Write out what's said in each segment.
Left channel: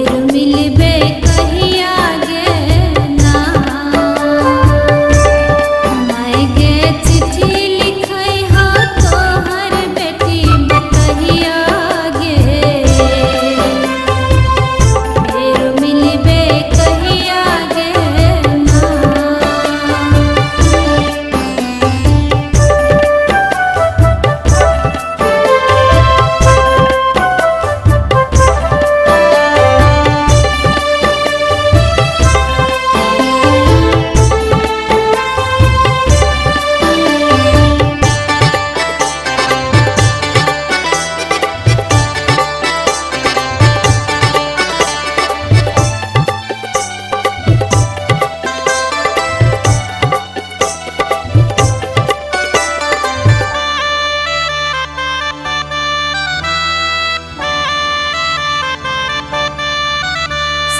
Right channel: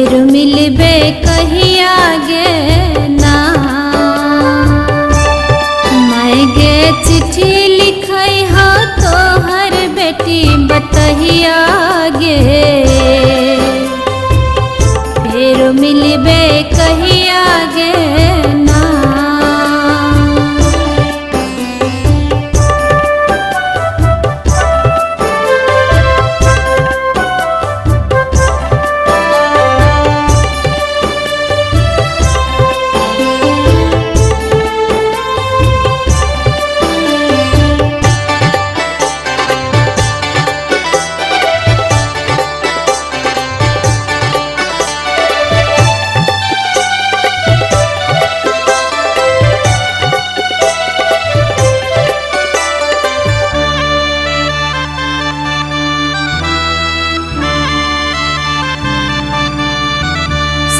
फेर मिलबे कहिया गे ना, मैं गे चिट्ठी लिखै हो तोहर बेटी बतहिया गे, फेर मिलबे कहिया गे ना।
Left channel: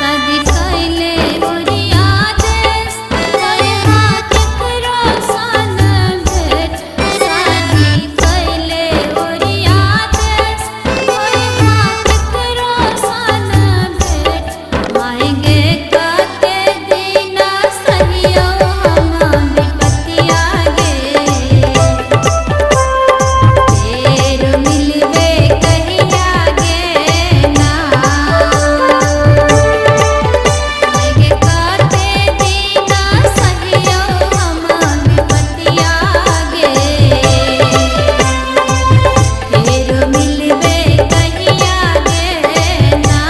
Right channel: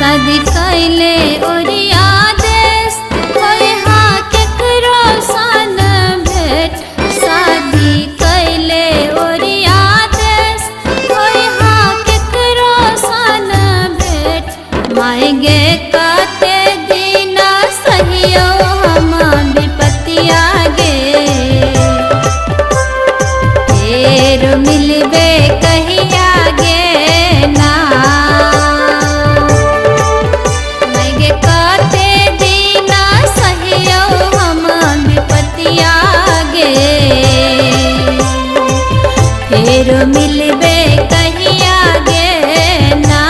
शादी कैले ओरिया देश होय हा केकरो सन भेट, शादी कैले ओरिया देश होय हा केकरो सन भेट, माय गे काते दीना सहियो हम विपतिया गे, फेर मिलबे कहिया गे ना। फेर मिलबे कहिया गे ना।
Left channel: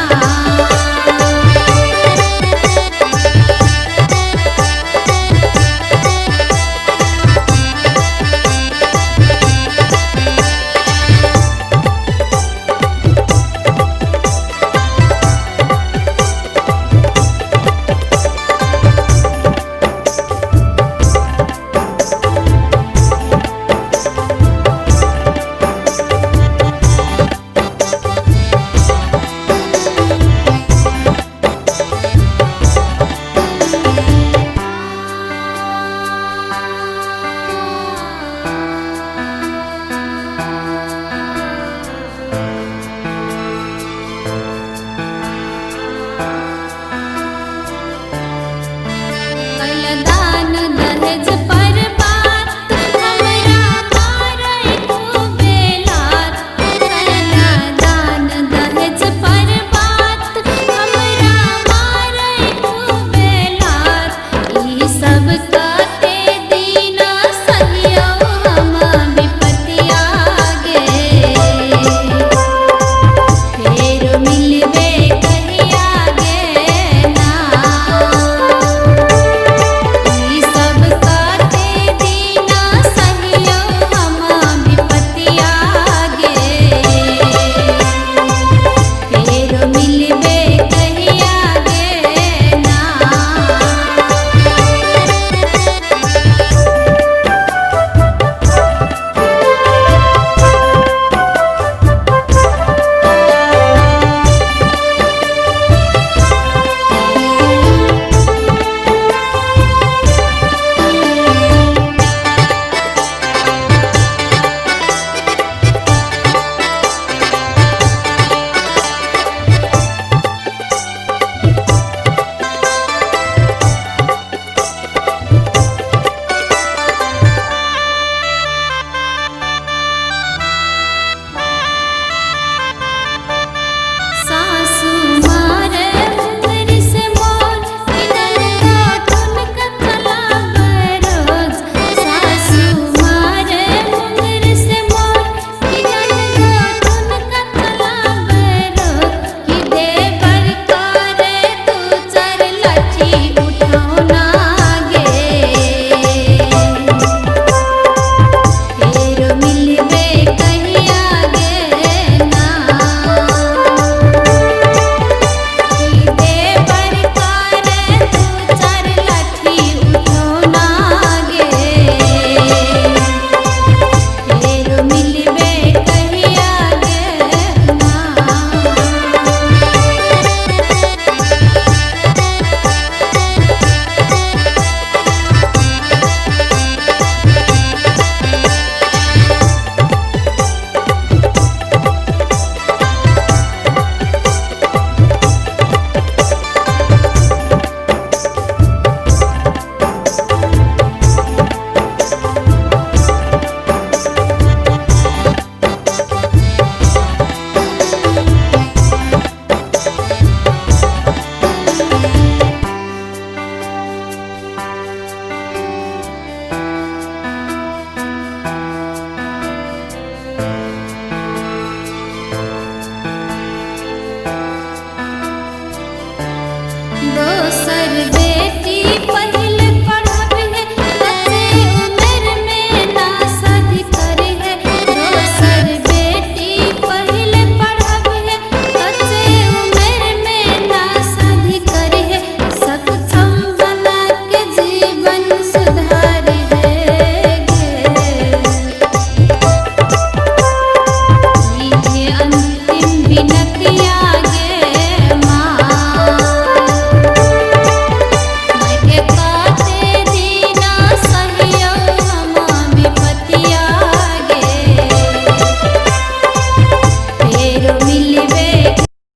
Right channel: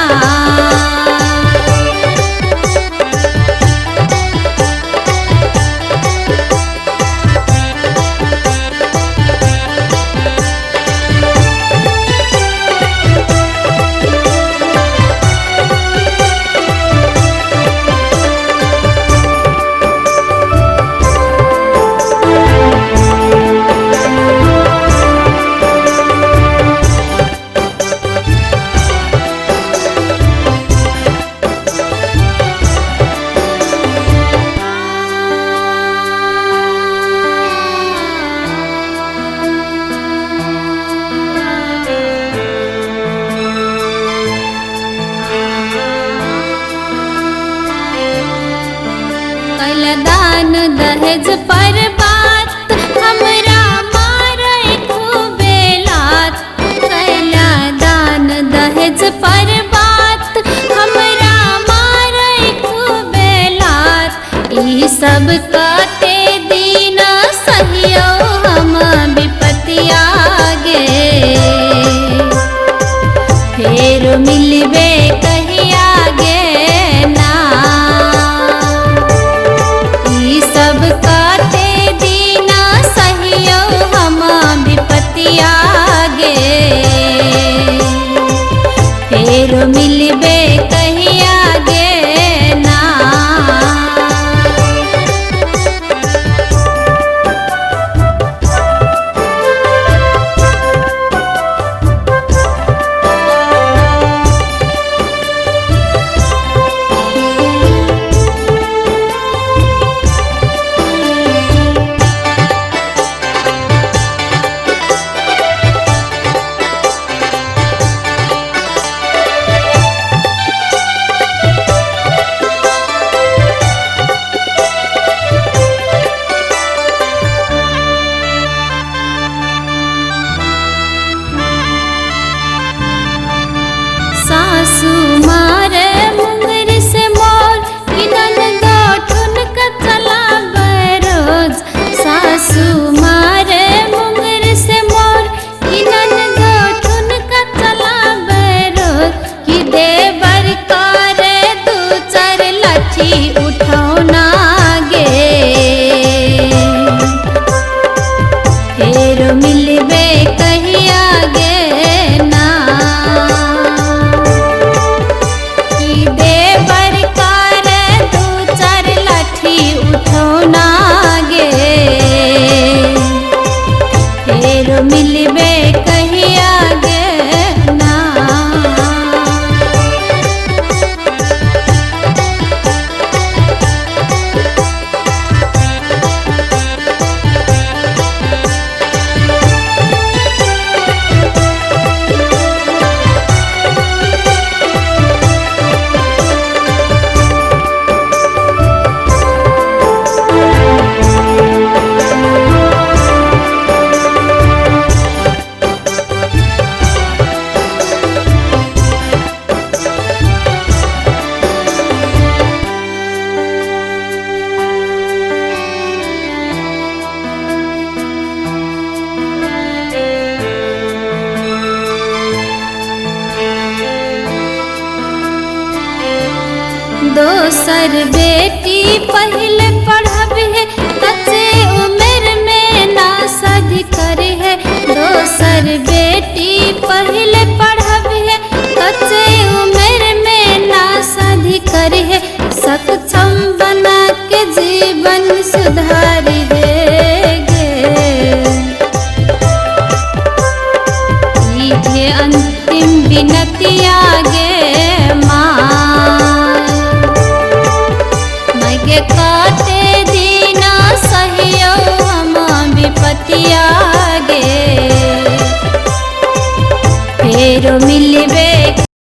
कैला दान दहेज पर बात हमरा मारै खूबे लात, कैला दान दहेज पर बात हमरा मारै खूबे लात, ई सब काते दीना सहियो हम विपतिया गे, फेर मिलबे कहिया गे ना। सब काते दीना सहियो हम विपतिया गे, फेर मिलबे कहिया गे ना। दोसर बेटी पहले पढ़ब है कच्चे उम्र में ना शादी करे है। दोसर बेटी पहले पढ़ब है कच्चे उम्र में ना शादी करे है। सक्षम बना के जीवन सुधारी है गे अंतिम विनतिया गे काटे दीना सहियो हम विपतिया गे। फेरो मिलबे